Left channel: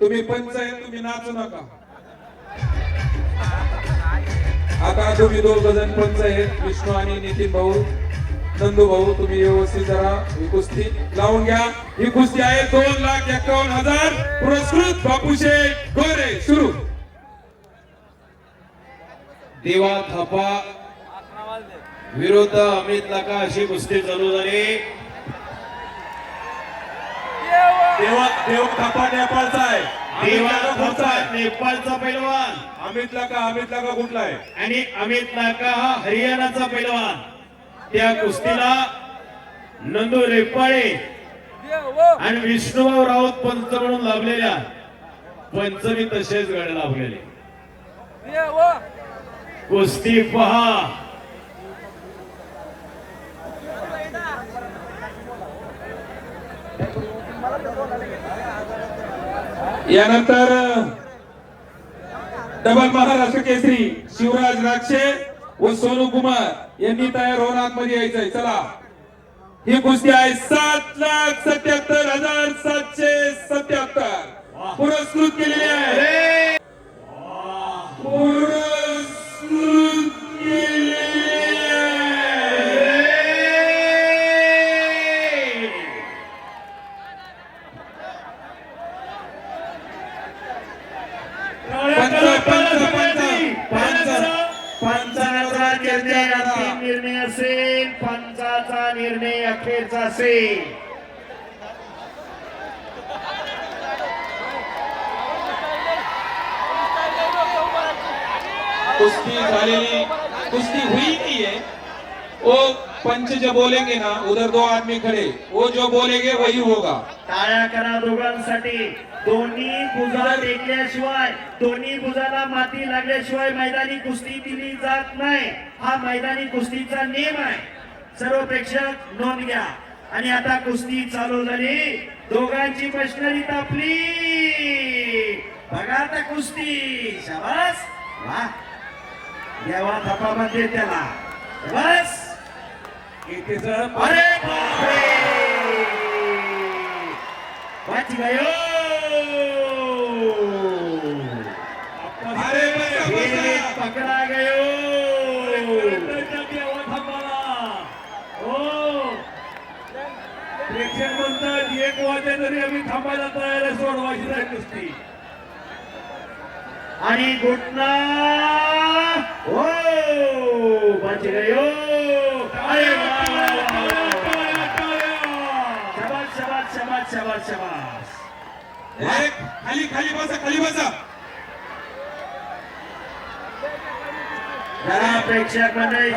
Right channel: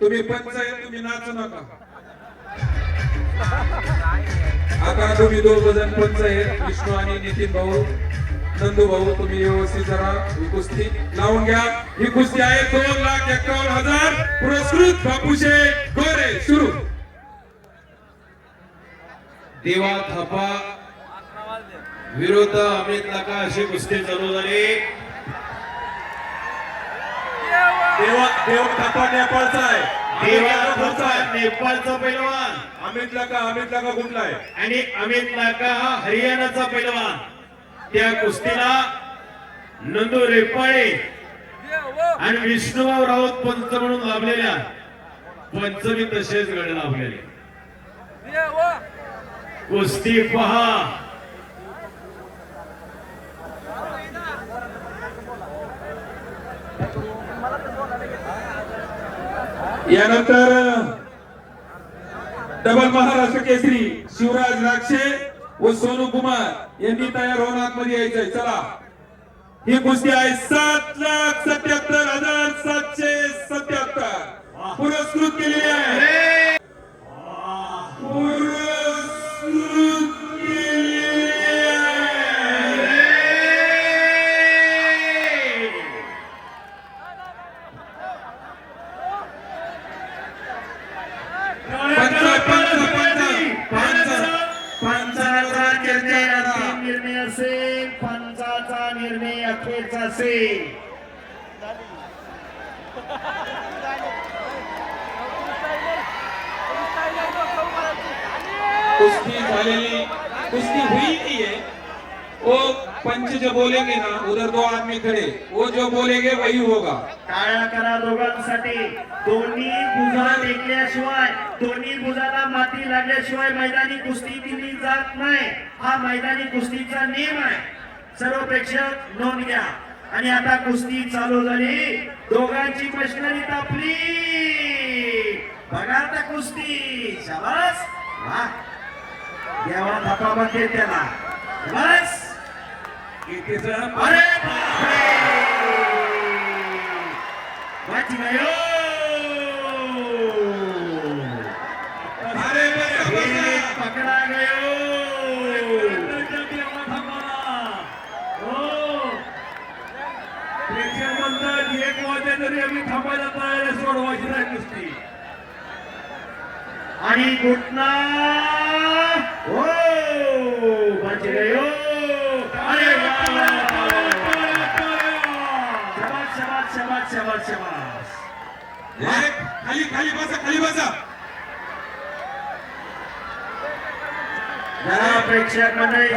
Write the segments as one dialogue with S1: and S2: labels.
S1: तुम्ही पंच आहे तुम्ही नाचू नका. आता तुम्ही दोघ जण पंच आहेत विष्णू आणि नितीन भाऊ नंदू भाऊ तुम्ही व्यवस्थित जरा ही कुस्ती लावून घ्या. ही कुस्ती आहे दोन लाख एकावन्न हजार पुरस्कृत बापूशे गोरे सुरू.
S2: देवा थापा. विरुद्ध अमित लका अशी कुस्ती चालू झाली.
S1: देवा देव थापा नेपाळचा आहे.
S2: देवा थापा नेपाळचा पैलवान.
S1: अमितला का अमितला का कुठला आहे?
S2: आणि अमित लाका हा हरियाणाचा पैलवान. त्या कुस्तीला नंदू रेपाळे आणि विष्णुभाऊ राऊत पंच म्हणून लाभलेल्या. पंचमी तसेच गाणे लाभलेले. कुस्ती पहा.
S1: यानंतर डबल महाराष्ट्र केसरी शिवराज राक्षे व सोनू कुमार यांनी तयार होऊन आतमध्ये यायचंय. चला. ही कुस्ती आहे सात लाख सत्याहत्तर हजार.
S2: असेल पंचाचा निर्णय अखेरचा असेल
S1: कुस्ती झालेली कुस्ती हुई थी है वो पंच जो बोलेंगे ना उधर दो आदमी खड़े। वो जो बोलेंगे वही होगा।
S2: टाळ्या करा दोघांसाठी. दोन्ही भुजा टेकल्याशिवाय दोन्ही भुजाला माती लागल्याशिवाय मैदानी कुस्ती दिली जात नाही. हा मैदानी कुस्तीचा नियम आहे. सर्व प्रेक्षक नोंद घ्या. आणि आता कुस्ती चालू झाली. दोघांची मशनरी तापली. बघा आता कुस्ती. शाबास. वा. देवा थप्पामध्ये त्याला. बस. आणि घुटना हो वाची गयो अरे वा, वा, वा, वा. शाबास शाबास शाबास शाबास शाबास
S1: एक, खाली खाली बसा खाली बसा
S2: प्रेक्षक मंडळी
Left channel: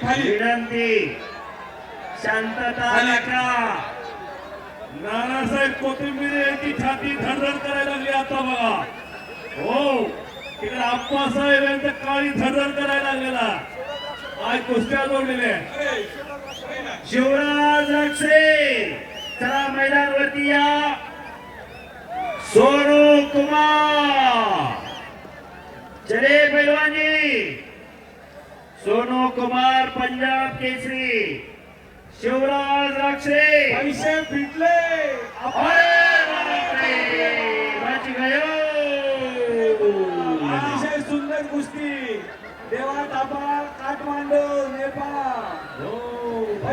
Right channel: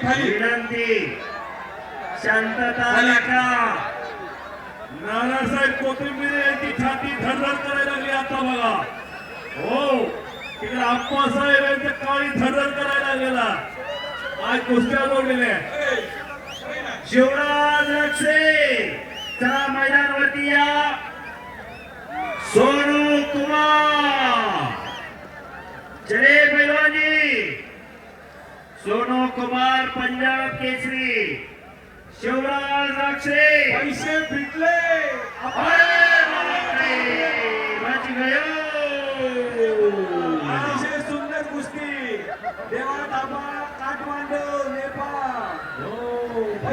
S1: खाली
S2: विनंती. शांतता
S1: नानासाहेब कोथिंबीर यांची छाती धडधड करायला लागली आता बघा. हो तिकडे आप्पासाहेब यांच्या काळी धडधड करायला लागलेला. आज कुस्त्या जोडलेल्या
S2: शिवराज रक्षे चला मैदानवरती या. सोनू कुमार चले पैलवानी सोनू कुमार पंजाब केसरी। शिवराज रक्षे।
S1: पैसे फिटले अतिशय सुंदर कुस्ती। देवा ताबा काठमांडू नेपाळ।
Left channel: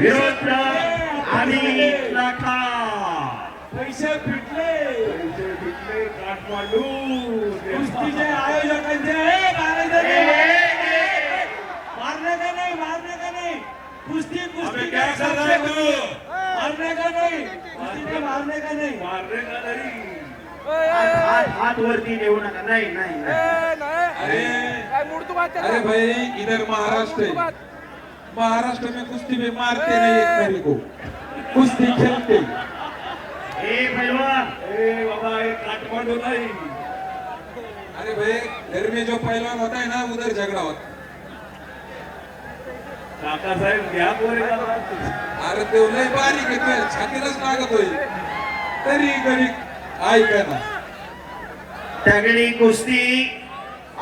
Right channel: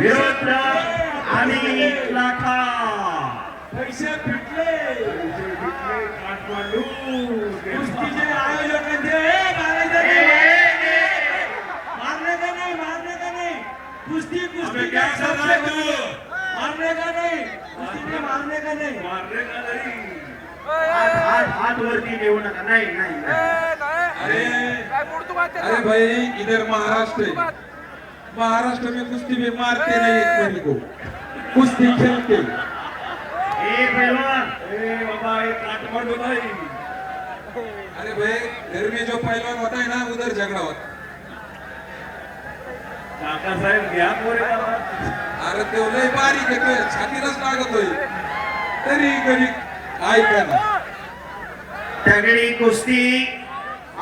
S2: विरोध आणि
S1: कुश्ती कुश्ती
S2: अबे क्या
S1: का
S2: कर रहा है
S1: तू मारने का नहीं? कुश्ती में मारने का नहीं? मारने का नहीं?
S2: हात हात- हात वरती देऊ नका. नाही नाही नाही.
S1: अरे. अरे भाई इधर महाराष्ट्र है महाराष्ट्र में कुश्ती में मारते नहीं एक मेरे को. कुश्ती खेलते
S2: हे
S1: अरे बाबा ये काठमांडू नहीं अरे भाई घर में जो पहलवान होता है ना उधर झगड़ा होता
S2: काका साहेब घ्या पोरे.
S1: अरे ते लय बारीक आहे तुझ्या छातीलाच लागत होईल तरी कधी ऐका ना.
S2: तगडी कुस्ती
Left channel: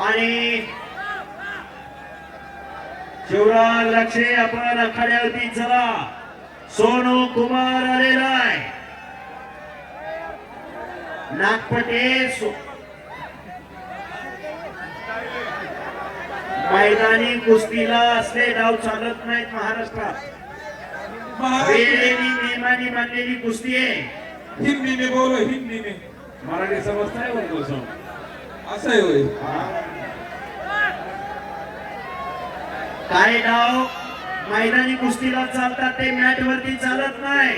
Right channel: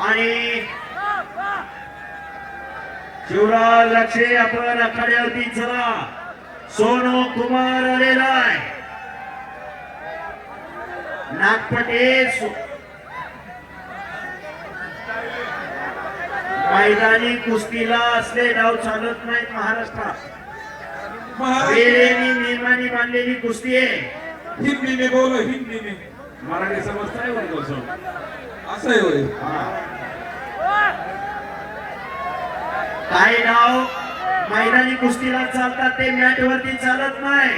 S2: आणि शिवराज लक्षे आपण आखाड्यावरती चला. सोनू कुमार आलेला आहे
S3: नागपटे मैदानी कुस्तीला असले डाव चालत नाहीत महाराष्ट्रात. नियमाने बांधलेली कुस्ती आहे.
S1: हिंदी में बोलो हिंदी में
S3: मराठी समजताय सर
S1: असं आहे होय.
S3: काही डाव? मैदानी कुस्तीला चालतात ते मॅट वरती चालत नाही.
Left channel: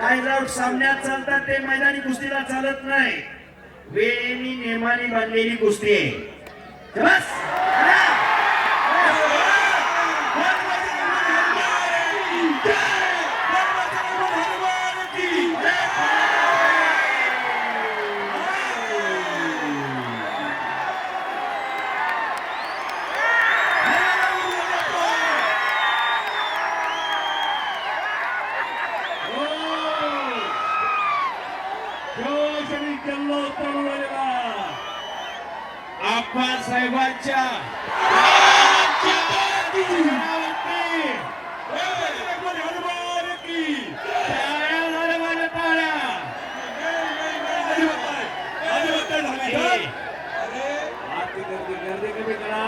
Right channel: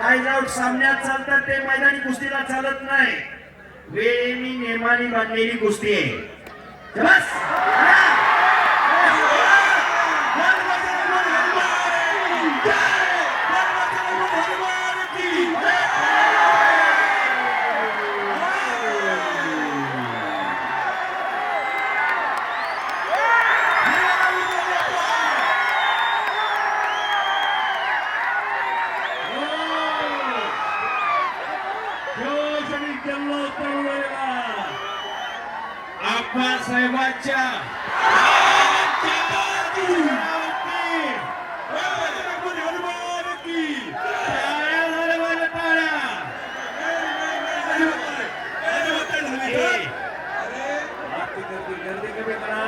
S3: काही डाव? सामन्यात चालतात ते मैदानी कुस्तीला चालत नाही. वेळेने नियमाने बांधलेली कुस्ती आहे. बस!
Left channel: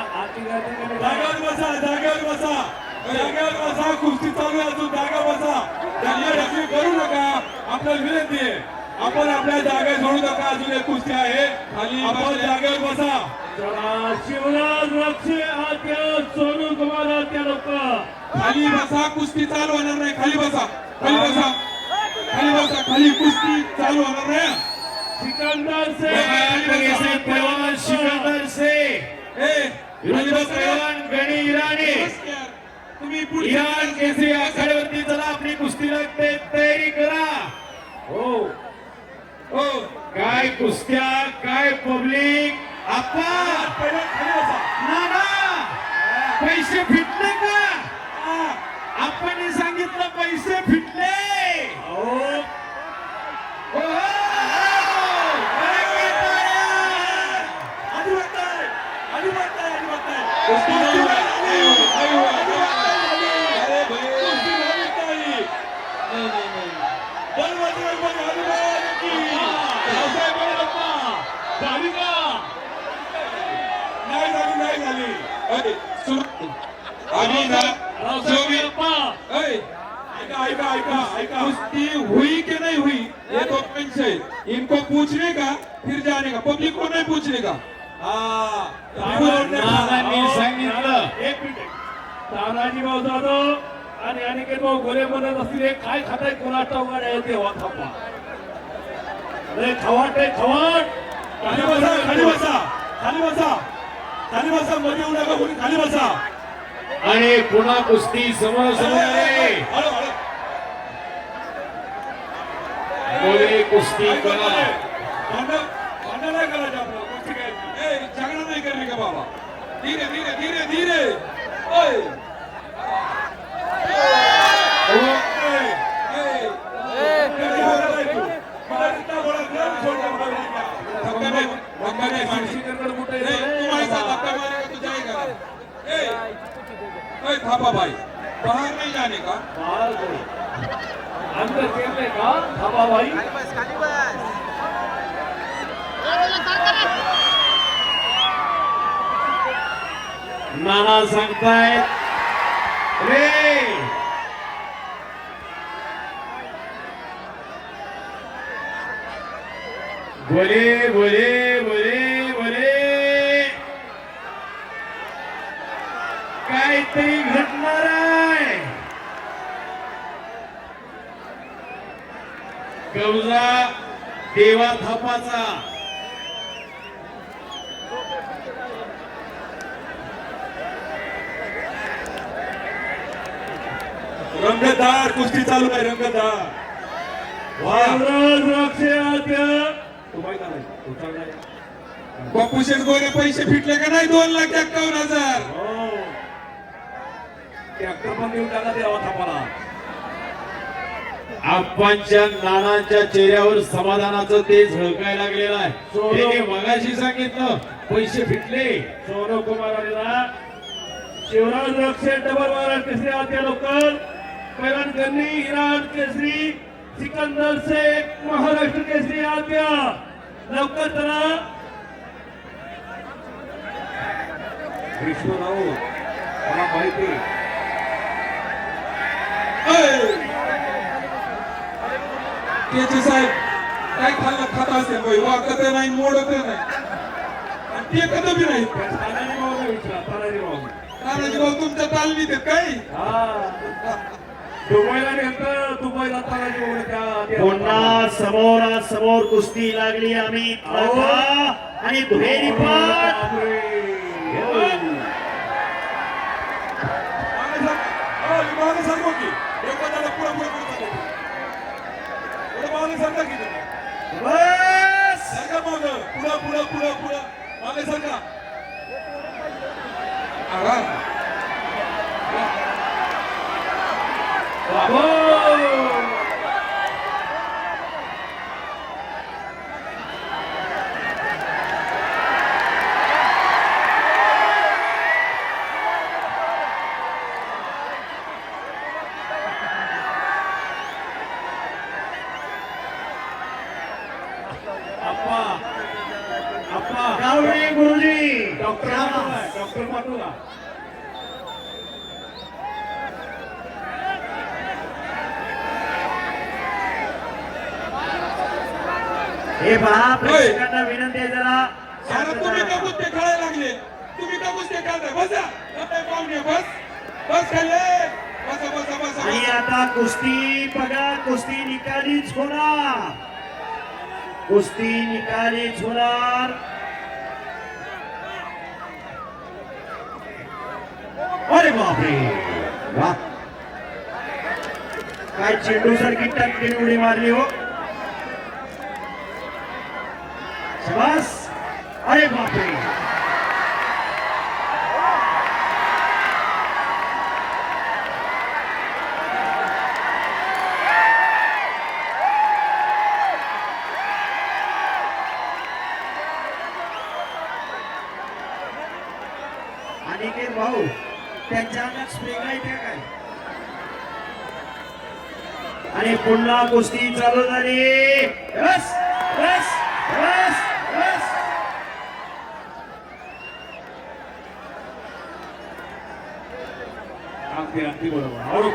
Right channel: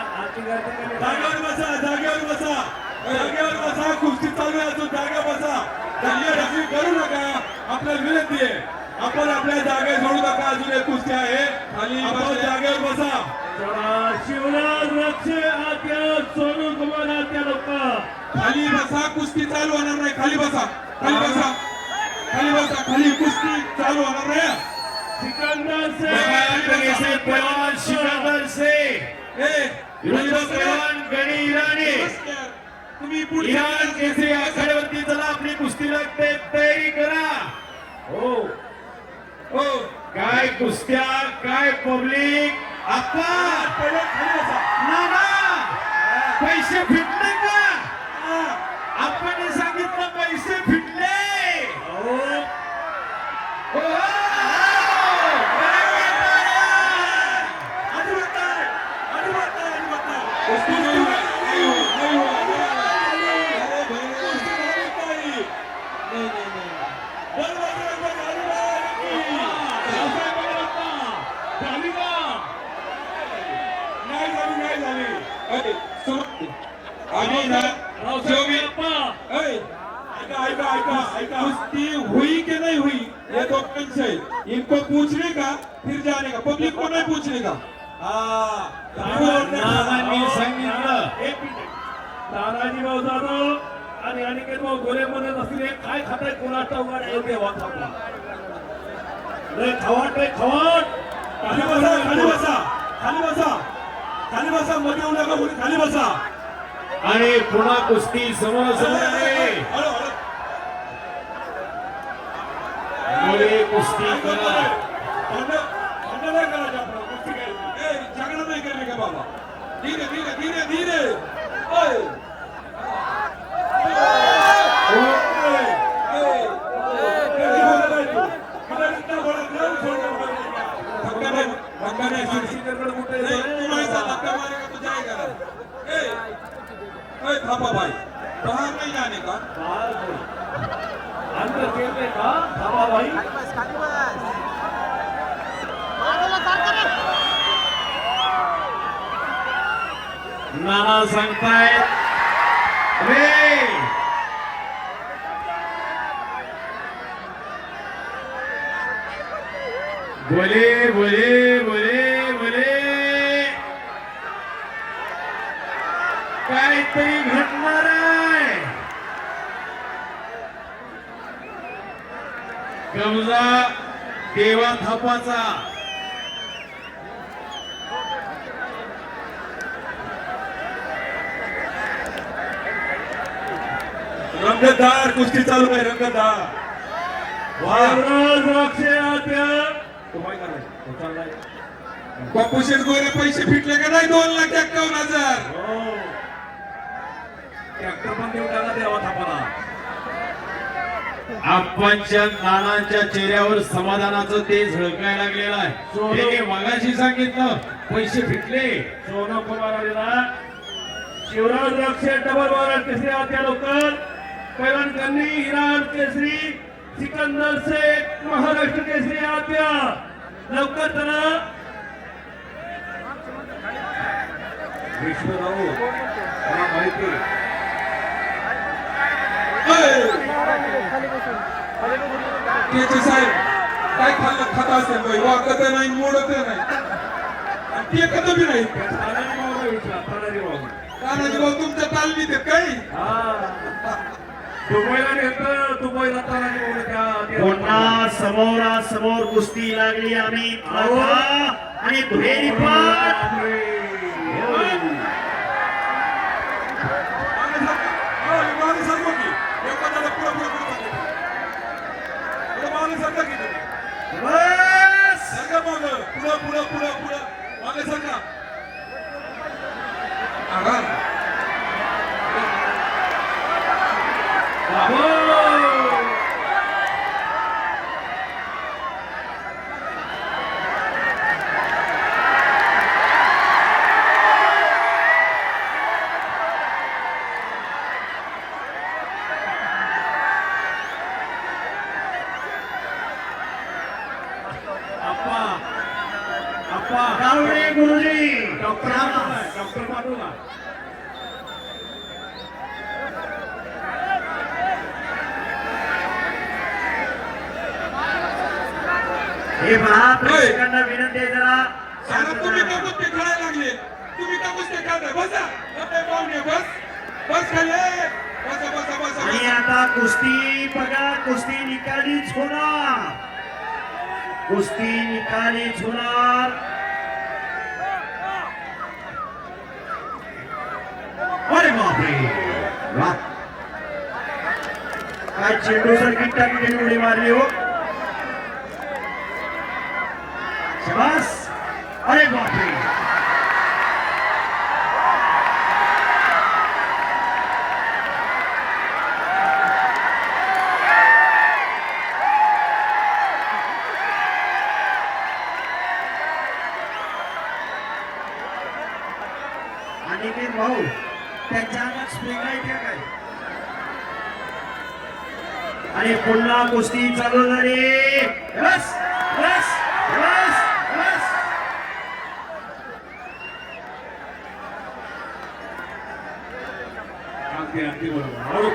S1: जागेवर बसा जागेवर बसा जागेवर बसा कुस्ती चालू असो जागा बसा दंगल करू नका आपल्याला विनंती आहे आपण आपल्या जागा सोडू नका अजून एक कुस्ती आहे आणि आपण जागेवर बसा
S4: शिवराज लक्ष आत्या सोनू कुमार आत्या लोक
S1: खाली बसा कुस्ती चालू होणार नाही खाली बसा खाली बसा खाली बसा खाली कुस्ती चालू होणार नाही
S4: सिकंदर
S3: से पहलवान से पहलवान गणी
S1: तुम्ही
S3: इराण केसरी चला आपली कुस्ती लागते तयारी करा हो
S1: हो
S3: काय कुस्त्या काय पब्लिक आप्पा पैसे फिटले का
S1: हा.
S3: आपण सांगितलं पैसे फिटले हो. करांगे टाळ्या.
S1: अजिबात नाही. अजिबात नाही, अजिबात नाही. कुस्ती नाही, नाही, नाही, अरे भाई, कुस्ती नाही, नाही. नाही, नाही, नाही. बल बजरंग बली, हनुमान की. नाही झाली, नाही अरे, ऐका, ऐका, ऐका. कुस्ती हुई कि नहीं हुई ये तो पंच है इनको पूछने का फिर जाने का? पब्लिक को नहीं पूछने का?
S3: नानांनी सांगितलं.
S4: एक मिनिट. तानाजी भाऊ जाधव आणि अनिकेत भाऊ गोले म्हणत असतील काय खाते कोणाचा उघड आहे? थापा लय खवाट आहे खवाट.
S1: खाली बसा खाली बसा. खाली बसा. खाली बसा मध्ये येऊ नका कोणी खाली बसा.
S3: आणि पुन्हा कुस्ती
S1: हळू.
S3: मुळे कुस्ती करा
S1: नाही करायचे आपल्याला कुस्ती करायची. ए, झगडा नाही करणे का बाबा? धीरे धीरे धीरे धीरे ओय. ओय, ओय. कधी बोलत नाही तू. मला इतका बोलत नाही, मी सोडणार नाही. धक्का नाही, धक्का नाही, सोडशी करणार कुठे? ए, तू माहिती आहे, धक्का मारेगा तो जाएगा. ए, ओय, थापा भाई बाहर नहीं जाने का
S4: अंतर केले का थापा भाई
S5: खाली बस खाली बस मागेला सरकार
S3: नाना सांगतायत. रे! बोले बोले बोले बोले. काहीतरी घटणार आहे. कवजा देवा थापाचा
S1: रंगतदार कुस्ती चालू आहे रंगतदार बापू शेटगोरे पैसे फिटले का नाही? दोन लाख एक्कावन्न हजार.
S4: ट्रॅक्टर पण देऊन टाका देवा थापाला.
S3: आप्पांच्या नानांच्या चेहऱ्यावर समाधानाचं ते झळकायला लागलेलं आहे. त्यांनी मागाशी सांगितलं. पैसे फिटले.
S4: सोनू कुमार शिवराज लक्ष डबल महाराज केसरी आत्या लोकल पैलवान गन्नी हिराज केसरी सिकंदर शेख महाराष्ट्र केसरी आत्या. लवकर चला. विष्णुराव मला माहिती.
S1: त्याचे साहेब काय खाल्लं? खात असते बाई. वाकत नाही मोडत नाही. आणि ते कधी बी नाही
S4: तानाजी मावला विचार तानाजी मावला
S1: तानाजी भाऊ तुमच्या तालमीत काही?
S2: पुन्हा समोरासमोर कुस्ती लागली अमित नाथा आणि दुहेरी पाठ
S4: बापरे.
S1: मागे सरकव की. लोकांना पुढं पुढं पुढं सरकव. पुढं मागे सरका apa? Apa? Kaure Muri. Dokter apa? Dokter Madura.
S4: हे
S2: पहा प्रेक्षकांना विनंती आहे जरा
S1: तुम्ही का कुस्ते खेळायला लागले. तुम्ही का कुस्ते खेळताय बसा. आपल्या पाहुणे बस. बस खाली. बसा बसा बसा.
S2: आणि. आता कुस्ती बघा. कुस्ती निकालीच होणार. कुस्ती निकालीच होणार. अरे बापरे. वा. काय चेंडू सारखी टक्के उडी मारली हो शाबास अरे बापरे अनिकेत भाऊ त्यांच्या अंगात स्प्रिंग आहे त्या काय आणि पुन्हा कुस्ती चालू झाली. बस बस बस बस
S4: अगदी अगदी बरोबर.